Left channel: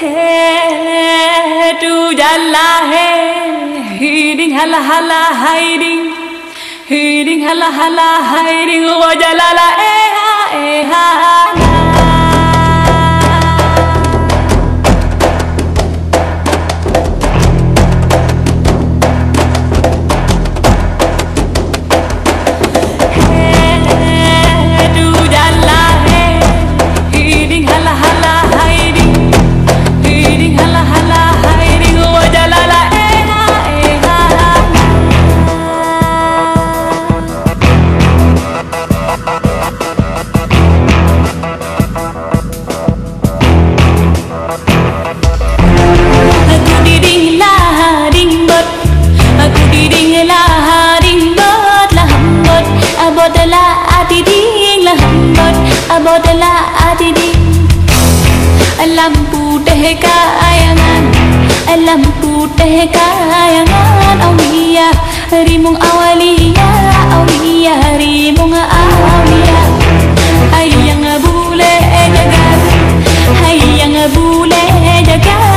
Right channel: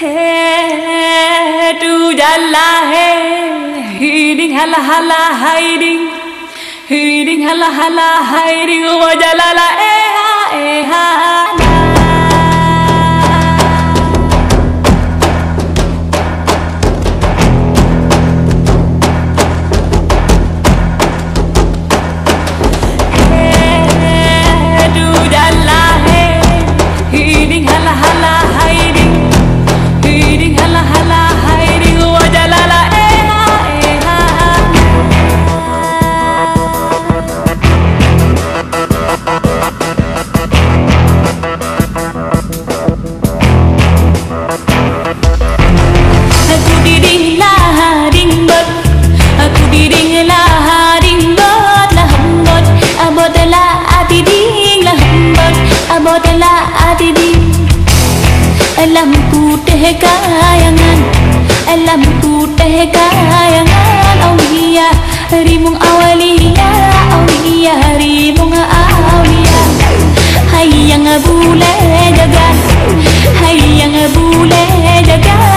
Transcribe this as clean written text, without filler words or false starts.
Hey, tu jalla hey, hiding hala hala hiding, hiding hala hala hiding, wa jalala ha na. Hey, tu jalla hey, hiding hala hala hiding. Hiding hala hala hiding wa jalala na. Aku diding lah ding bot, aku diding lah ding bot lah hambot, abot lah adiding lah hambot, abot lah adiding. Lampu teh kayangan, lampu teh kayangan, aulia rimung awalia, aulia rimung aulia. Hayang bule jaga, hayang bule jaga.